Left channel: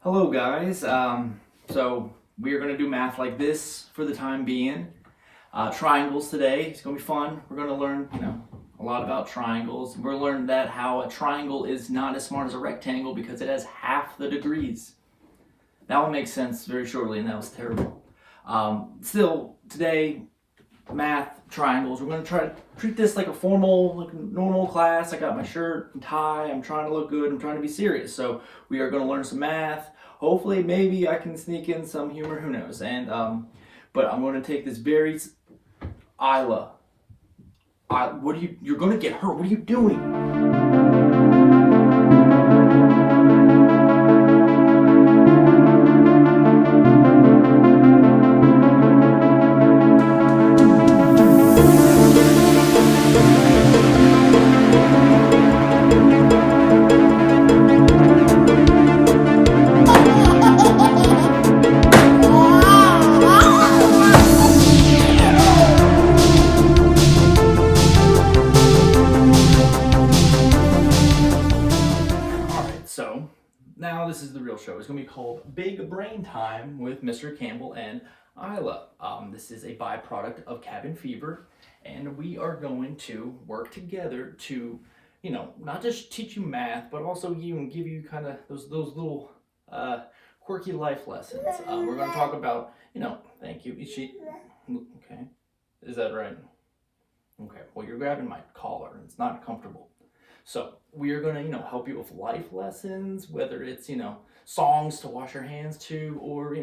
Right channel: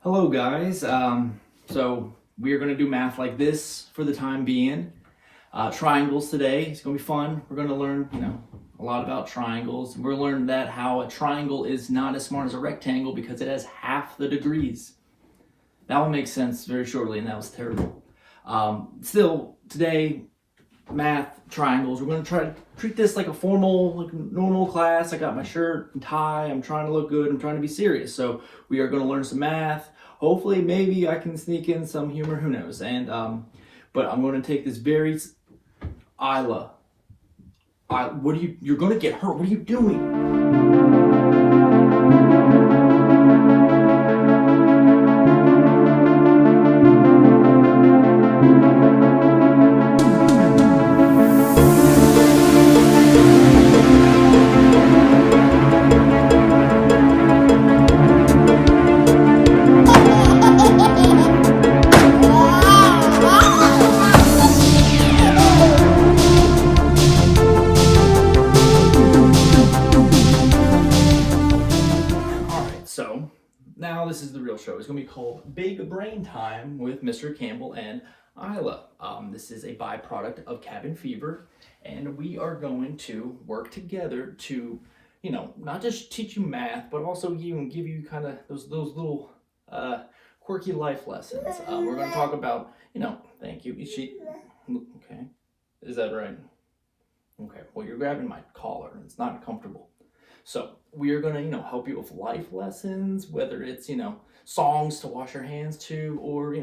Hello guys, so we are going to do math like this for the time being. Triangles today, it's going to be fun. We're going to learn, a lot about triangles. We're learning that how a triangle is not as smart as a rectangle because it has half the degrees. That will make sense very shortly, and that was terrible. Still, today, math, triangles, we're going to try to treat this like a formal, like normal class. I got my shirt and tie, I'm trying to look good, I'm trying to be serious. So we are going to learn some math. Hopefully, maybe I can sneak in some humor, who knows. And but I'm going to take this very Isla. You're going to get hurt. What are you doing? So now this is the real show. It's going to be called Big Brain Time with Mr. Campbell and Isla. This is a byproduct of cabin fever, and we are going to work together to, not just teach you math, but also give you kind of those little quirky life lessons. We're going to talk about, thank you. Okay, is that right? Okay. Well, you're grabbing my collar, and it's not comfortable. So we are going to, help you with life lessons, whether it's, songs to wash your hands to, or,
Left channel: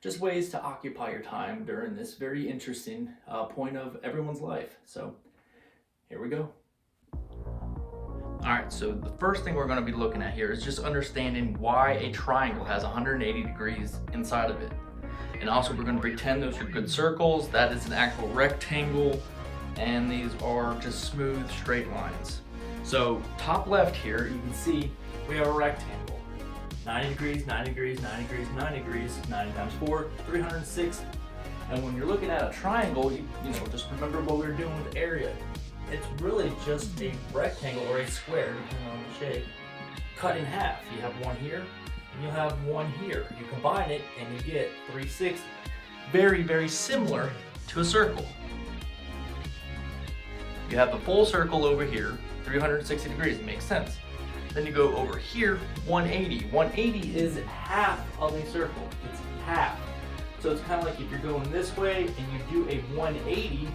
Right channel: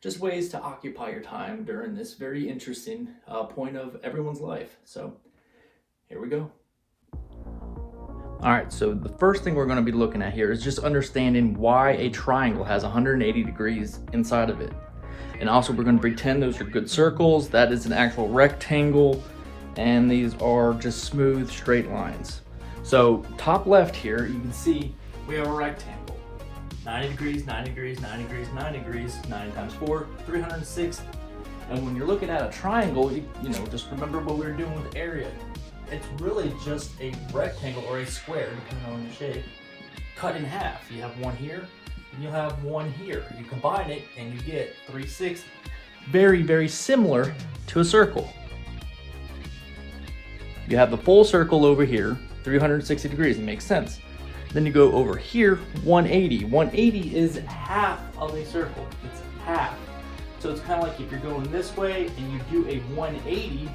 just ways to occupy your time during this very interesting point of everyone's life. So here we go. All right, so the first thing we're going to be looking at here is just understanding why a triangle has 180 degrees inside of it. And also we're going to pretend those are good circles, that is an actual rectangle, and these are just smooth straight lines. So top left here, you can see we have a rectangle. 90 degrees, 90 degrees, 90 degrees, 90 degrees, 90 times 4, 360. And when you're looking at a triangle, just remember what we were doing with area. It's really just a rectangle or a square, depending on the shape, cut in half. You have one here, and you'll have one here. You combine it, and you get 360. Very, very similar to a circle. You have the full circle over here, 360 degrees, it makes sense. Then you go over here, 180. 180 is half of a circle, it's half. So it's kind of like if you're going this way and you do a 180,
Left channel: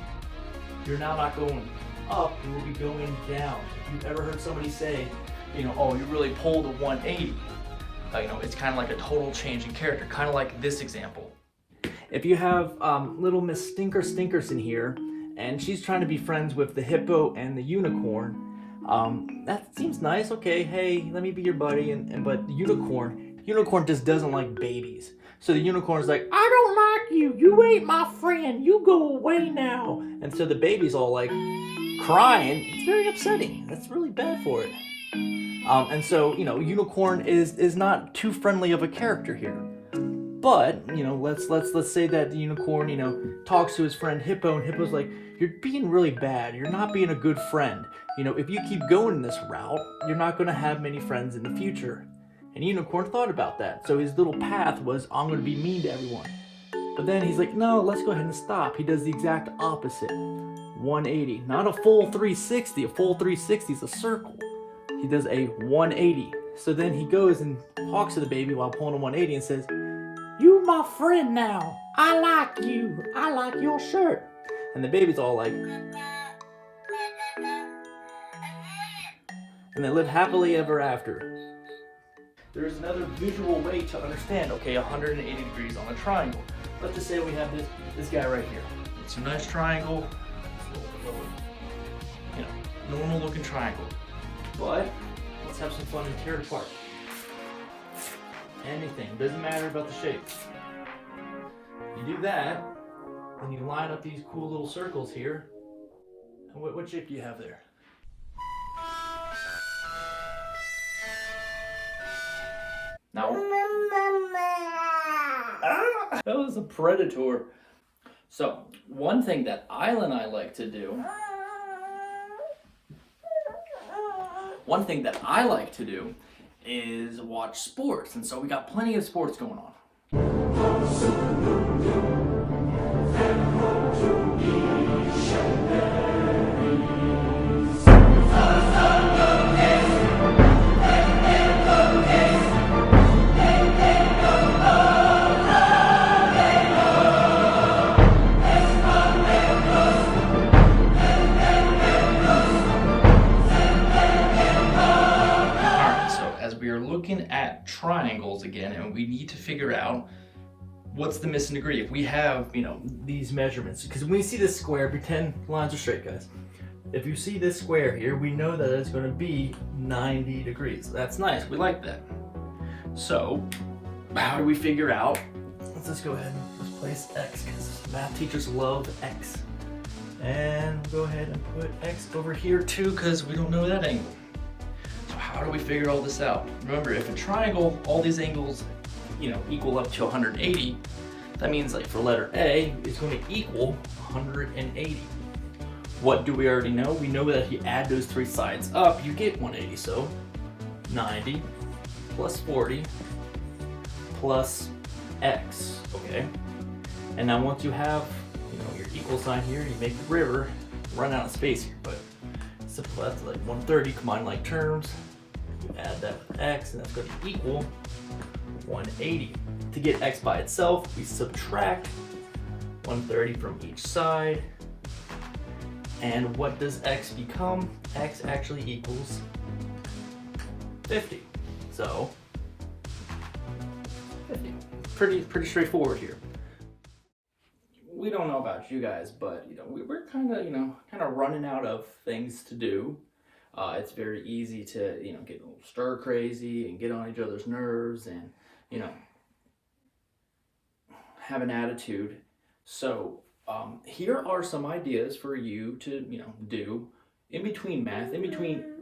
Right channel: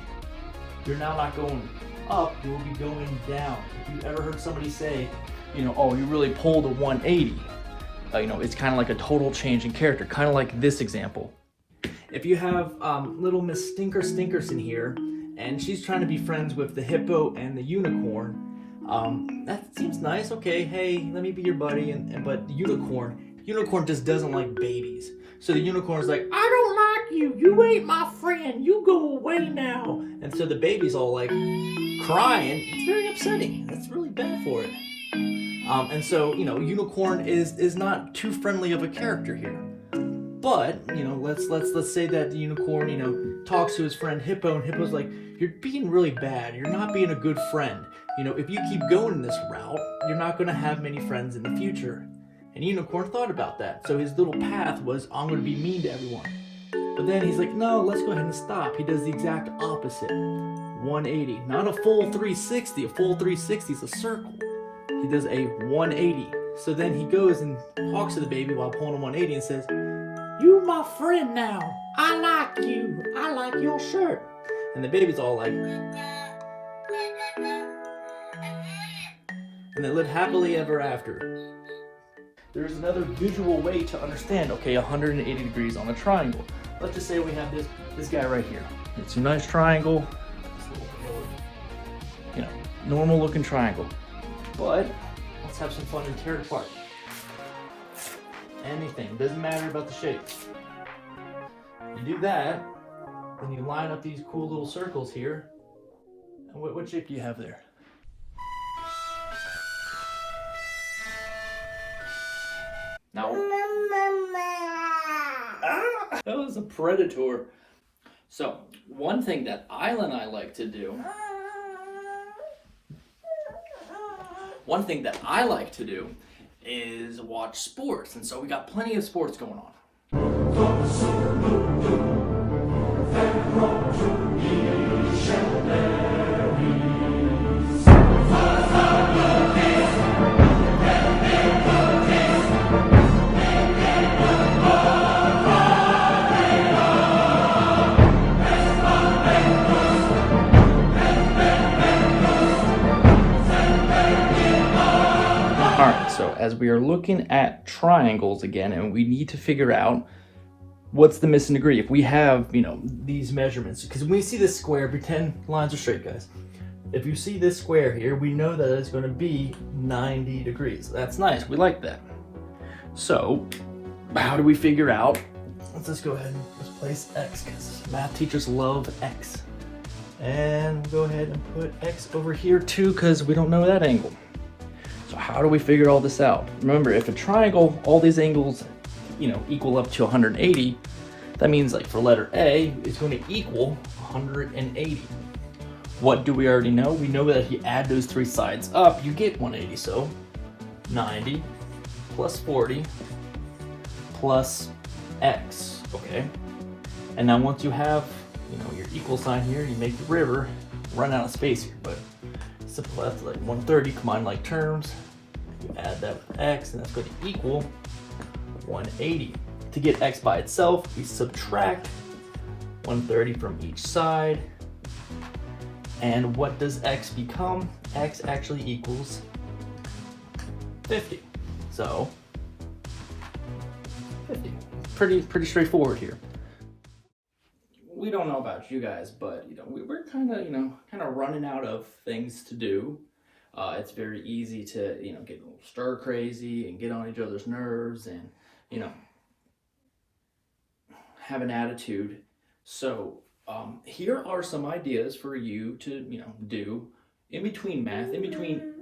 you're now not going up, you will be going down. If you've ever heard somebody say, oh, you really pulled a 180, it's kind of like a total change in character, kind of like this example. If you have little Miss Stinkerson here, and she's trying to be friends with the hippo and the unicorn, that seems nice. Okay, hey, let me be your buddy. But the unicorn just doesn't like babies. So the unicorn's like, I don't like you. You ain't my friend. You go away now. And so the baby's all like crying. It's very upsetting. That's really bad for it. And so unicorn is not too friendly of a character here. But let's say that the unicorn talks to his friend Hippo, and Hippo's like, you're being really bad. You're not being a good friend. If you keep going this route, you're not going to have many friends in the future. And Unicorn thought about that. So his little path was, I'm going to be mean to everyone. But then he's like, no, let's go ahead and stop. He does the exact opposite. 180. Not a full 360. A full 360 is a circle. He does a 180. So then he goes and talks to the baby while pulling a 180 and says, you my friend now. I like you. I like your shirt. And the baby's all like, and they live happily ever after. There's another visual way to understand, 180 degrees on a triangle. Let's just say we have this guy right here. It's a nice triangle. Normal looking triangle. But let's have some fun and tear it apart. Anything, doesn't matter about the shape. You do that, and you line up these cool little circles here. And what shape do you have there? Now, that was a predator. So, one thing that Isla and I like to do One thing that I like to do is watch sports, and so we got plenty of sports going on. As we are looking at triangles again, and we need to figure out what's the missing degree. If we have, you know, these measurements, because when we see this square, pretend lines are straight, guys. If you see this square here, we know that it's going to be 90 degrees. That's nice. We like that. So, how do we figure out? Let's just go ahead and just place x, because math teachers love x. And we'll go ahead and put x over here too, because we don't know that angle. How do we figure all this out? Remember, if a triangle, all these angles, you know, equal up to 180, that means like for letter A, it's going to equal 180. What do we already know? We know that if you add those three sides up, you get 180. So 90 plus 40 plus x, okay? And now once you have, you know, your equal sign here, you make the river run out of space here, but simple, that's like 130 combined like terms. You add that with x, and that's going to equal 180. To get x by itself, we subtract 130 from each side. And what does x become? X actually equals 50. So 50. Pretty straightforward here. We don't know about you guys, but you know, we're kind of running out of things to do. It's very easy to, you know, get a little stir crazy and get on each other's nerves and, you know, have an attitude. So here are some ideas for you to, you know, do in between math, in between.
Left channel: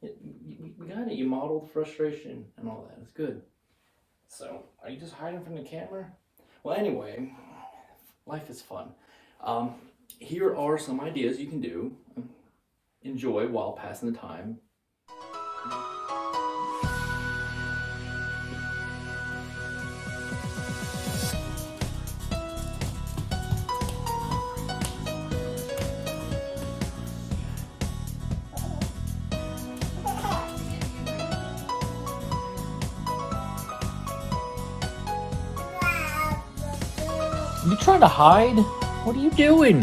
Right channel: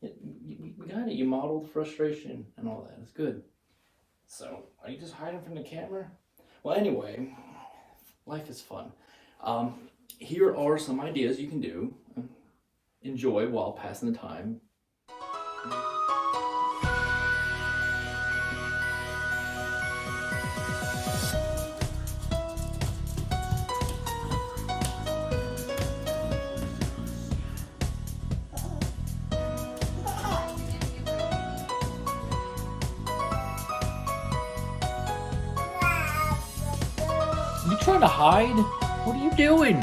We got it. You modeled frustration and all that. It's good. So are you just hiding from the camera? Well, anyway, life is fun. Here are some ideas you can do. Enjoy while passing the time. You trying to hide? What are you doing?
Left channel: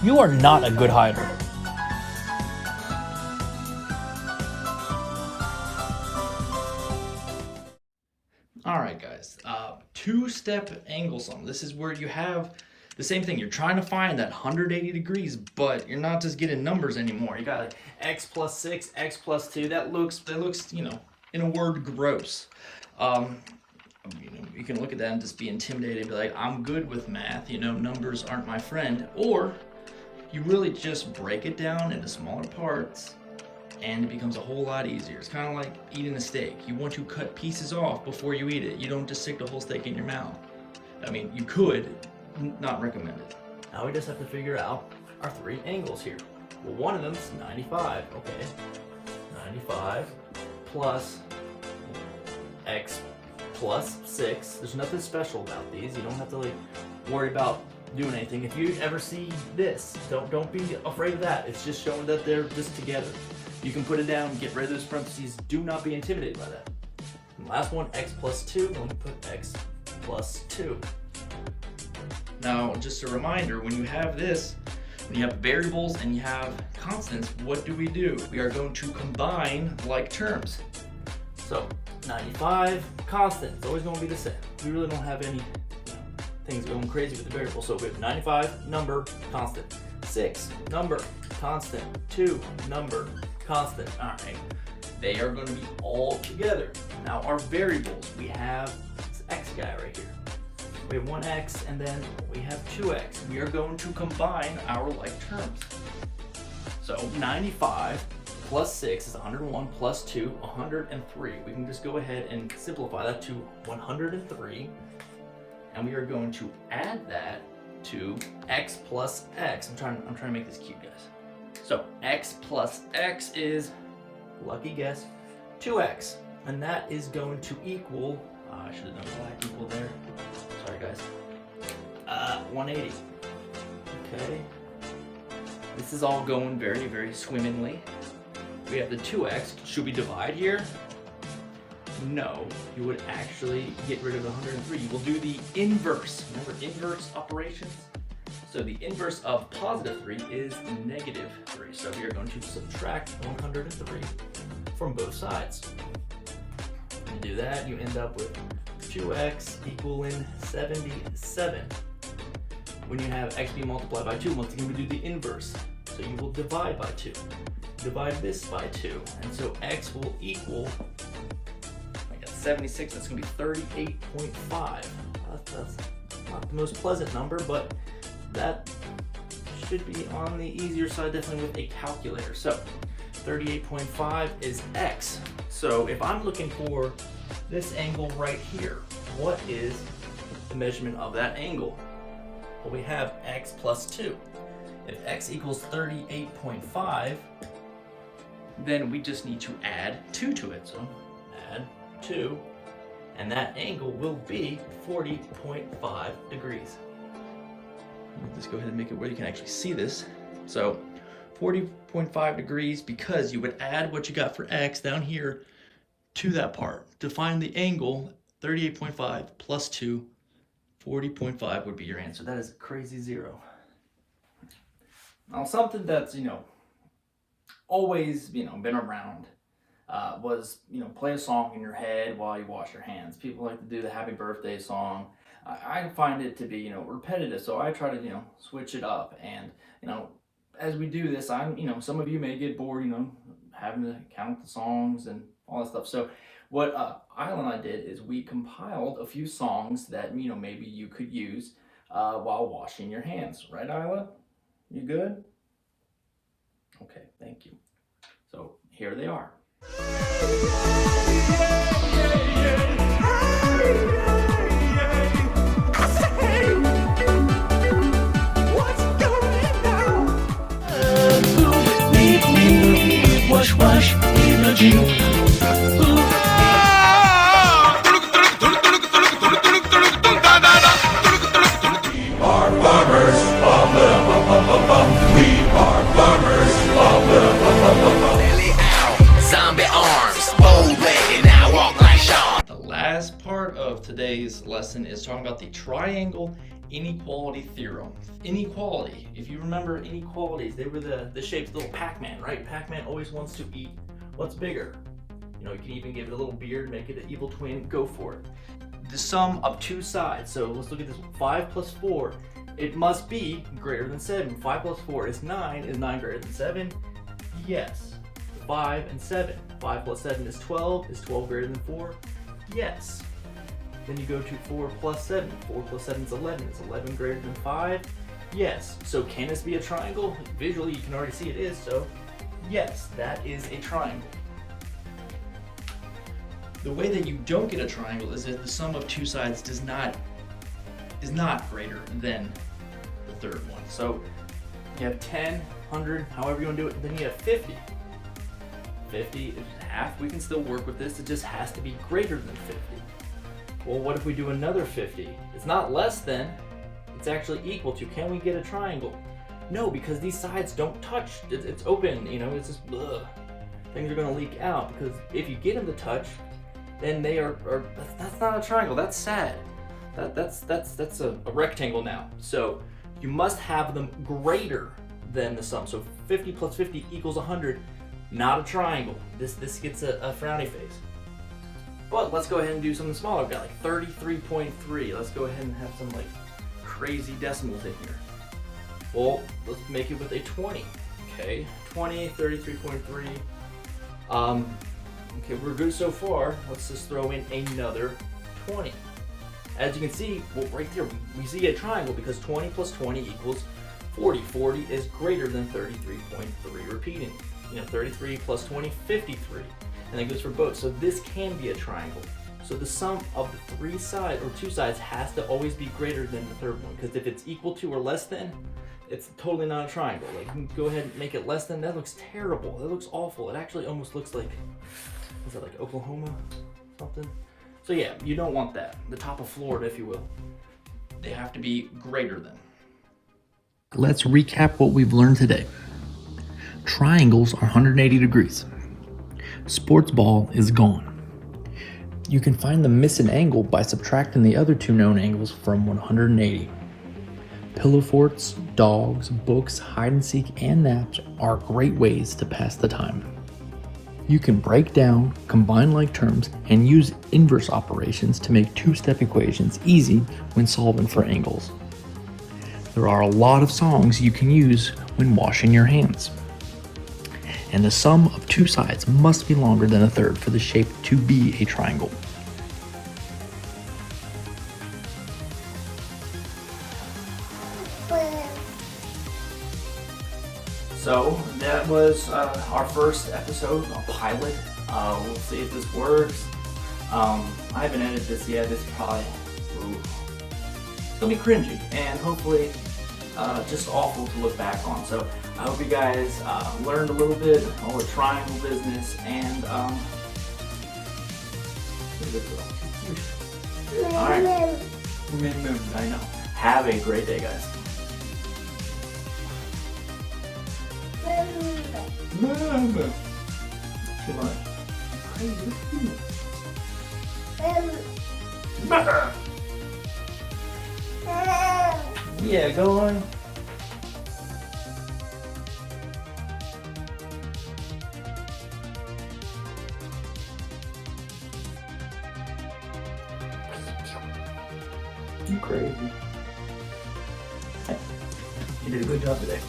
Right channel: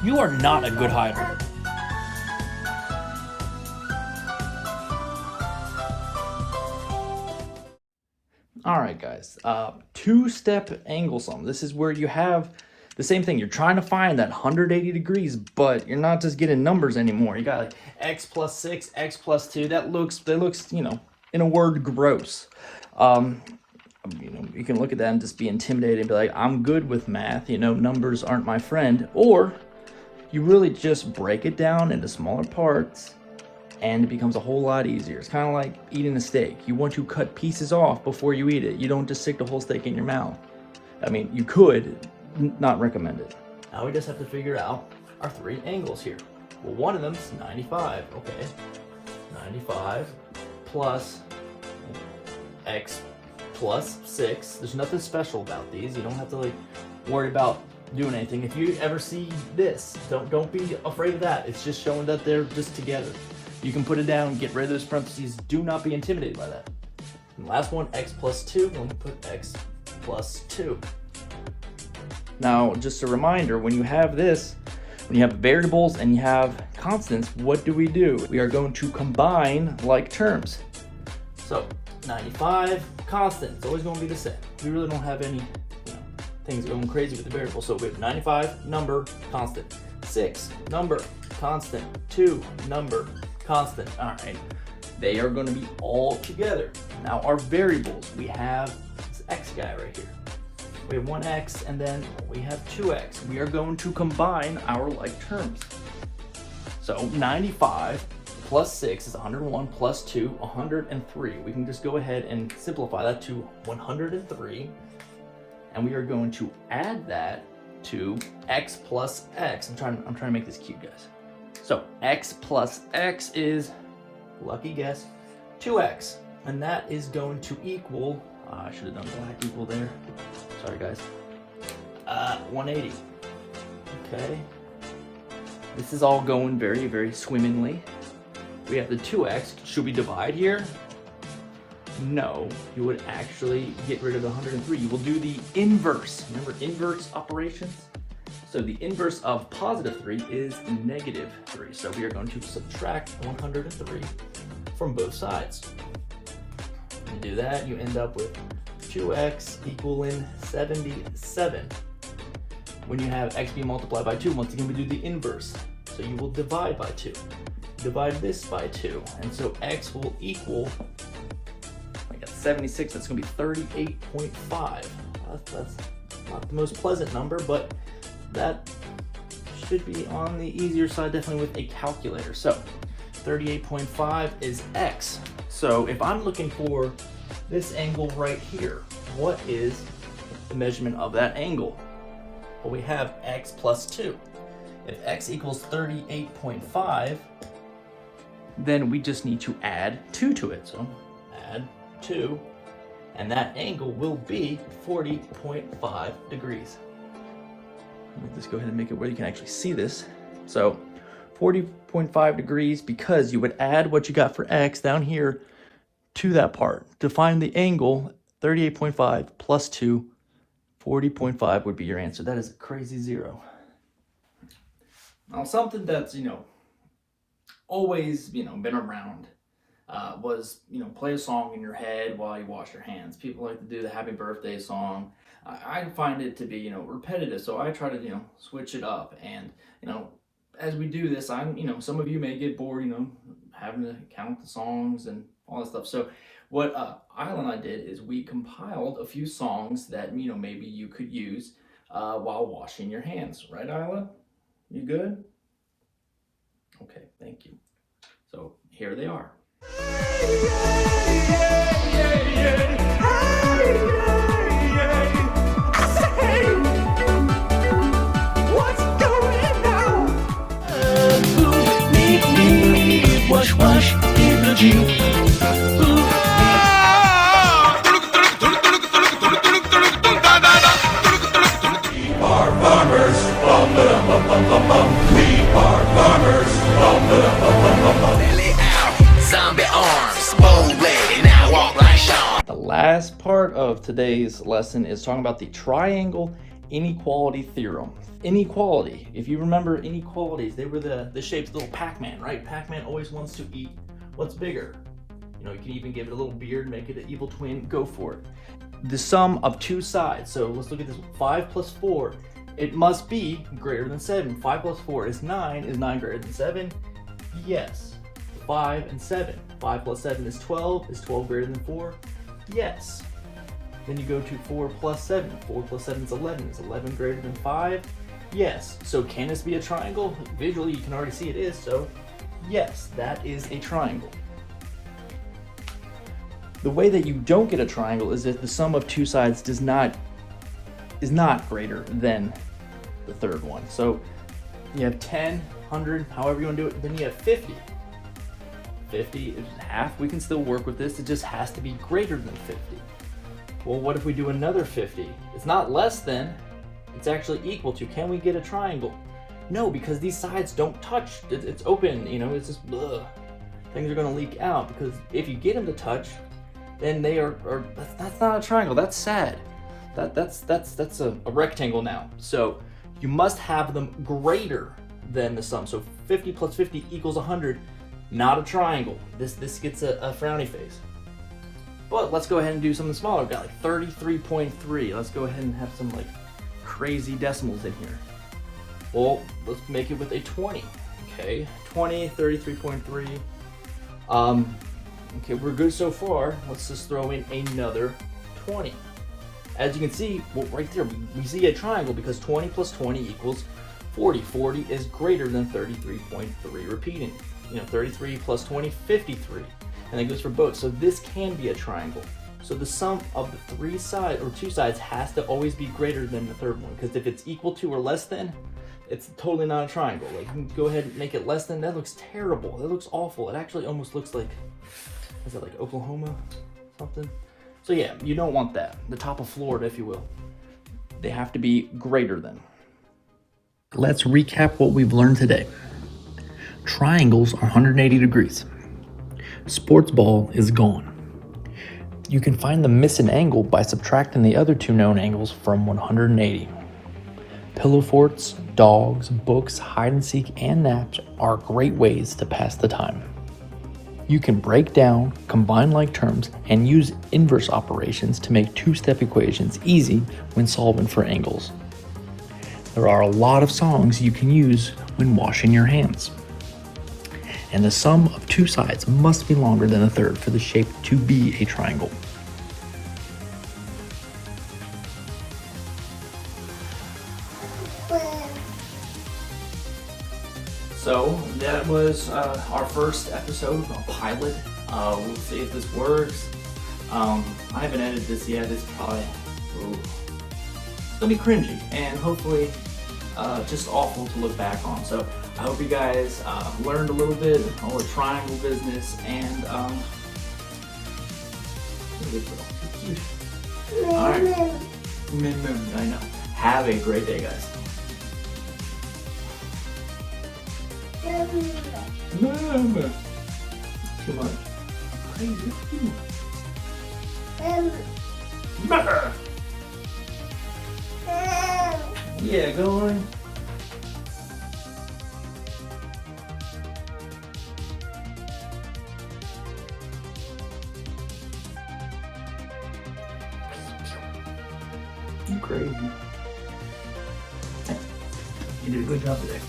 You are not a good hider. All right, guys. Two-step angle sum. This is where you have the same thing. You're trying to find that 180 degrees, but you're not just getting numbers anymore. You got x plus 6, x plus 2. That looks, you know, in a word, gross. You know, you can look at that and just be intimidated and be like, I'm good with math, you know, numbers aren't my friend. Or you really just break it down into smaller parts and it becomes a whole lot easier. It's kind of like eating a steak. You want to cut pieces off before you eat it. You don't just stick the whole steak in your mouth. I mean, you could, not recommend it. Now we just have to figure out our three angles here. Well, one of them is 95, okay. 95 plus x plus 6. There's nothing special about these. You don't have to like worry about doing anything. If you ever see this, don't be afraid of that. It's just showing that they're just together. You can put it down, get rid of those parentheses. Do not be intimidated by that. And last one, x plus 2. Then we put x plus 2. Now, just a reminder, when you have this, when you have variables and you have constants, what do? We are going to combine like terms. So 95 constant, it's always going to be the same. We really don't have any things going crazy with the variable. So we have 95 number constant, 6 number constant, 2 number constant. All right, they are going to be all together. Now our variables, we have this x guy right here. We have 1x and then we have 2x. We are going to combine our like terms. So 95 plus 6 is 101 plus 2, 103. We can just go ahead and simplify that to 103. And we are going to add that to x plus x. I'm trying to make this cute, guys. So x plus x is, lucky guess, 2x. And that is going to equal, I should have done that equal there. Sorry guys. 180. Okay. This is all going very, very swimmingly. We have the 2x. Should we divide here? No, you would actually get rid of the 103. You will do the inverse. Remember inverse operations? So the inverse of positive 3 is negative 3. So we are going to subtract 103 from both sides. You do that, you end up with 2x equaling 77. When you have x being multiplied by 2, once again we do the inverse. So you will divide by 2. Divide this by 2. And so x will equal, I got 76, that's going to be 38.5. That's not the most pleasant number, but that should be on the easier side, definitely with a calculator. So 38.5 is x. So if I'm looking for this angle right here, what is the measurement of that angle? Well, we have x plus 2. If x equals 38.5, then we just need to add 2 to it. So add 2, and that angle will be 40.5 degrees. Let me just go ahead and make it where you can actually see this. So 40.5 degrees, because you would add what you got for x down here to that part. To find the angle, 38.5 plus 2, 40.5 would be your answer. That is a crazy zero. Now something that's, always, been around was, play a song in your head while you wash your hands. People like to do the happy birthday song. I find it to be, repetitive, so I try to, switch it up. And, as we do this, some of you may get bored, having to count the songs and all that stuff. So what Isla and I did is we compiled a few songs that, maybe you could use while washing your hands. Right, Isla? You good? Okay, thank you. So here they are. Wash, wash, energy. We are farmers, we are farmers, belly out, zombie arms, bow-legged, now walk like Sean. The last part of today's lesson is talking about the triangle inequality theorem. Inequality, if you remember inequalities, they were the shapes, little Pac-Man, right? Pac-Man always wants to eat what's bigger. You can even give it a little beard, make it an evil twin, go for it. The sum of two sides, so let's look at this. 5 plus 4, it must be greater than 7. 5 plus 4 is 9. Is 9 greater than 7? Yes. 5 and 7. 5 plus 7 is 12. Is 12 greater than 4? Yes. Then you go to 4 plus 7. 4 plus 7 is 11. Is 11 greater than 5? Yes. So can this be a triangle? Visually, you can already see it is, so yes, that is a triangle. The way that you don't get a triangle is if the sum of two sides is not greater than the third one. So you have 10, 100, however you want to do it. Then you have 50. 50 is half. We can still work with this. It just has to be greater than 50. Well, what if we do another 50? It's not less than, it's actually equal to. Can we get a triangle? No, because these sides don't touch. It's open, it's just, ugh. Things are going to leak out, because if you get them to touch, then they are that's not a triangle. That's sad. That's a rectangle now. So you must have them greater than the sum. So 50 plus 50 equals 100. Not a triangle. This gets a frowny face. But let's go ahead and do something smaller. We've got like 33.3. Let's go ahead and have some like crazy decimals in here. Well, let's make it with a 20. Okay, 20, 33.3. Okay, we're good so far. Let's just throw in another 20. As you can see, well, right there, we see a triangle because 20 plus 20 equals 40. 40 is greater than 33.3. Repeating, 33 plus 20, 53. And that goes for both. So this can be a triangle. So the sum of the three sides, or two sides, has to always be greater than the third one. Because if it's equal to or less than, It's totally not a triangle. Like, you can go ahead and make it less than that. Looks terrible. That looks awful. It actually almost looks like, is it like Oklahoma something? So yeah, you don't want that. The top of Florida, if you will. They have to be greater than. Let's recap what we've learned today. Triangles are 180 degrees. Sports ball is gone. You can find the missing angle by subtracting the other two known angles from 180. Pillow forts, dogs, books, hide and seek, and naps are great ways to pass the time. You can break down, combine like terms, and use inverse operations to make two-step equations easy when solving for angles. There are a lot of songs you can use when washing your hands. And the sum of two sides must be longer than a third for the shape to be a triangle. So that was our first episode, a pilot. We'll see if this works. I haven't edited this yet. It's probably it's gonna be cringy and hopefully just awful to look back on. So I hope you guys learned a little bit on the triangle business and all right. I know. Have a great day, guys. Too much. Yeah, go on. You crazy. You did a good job today.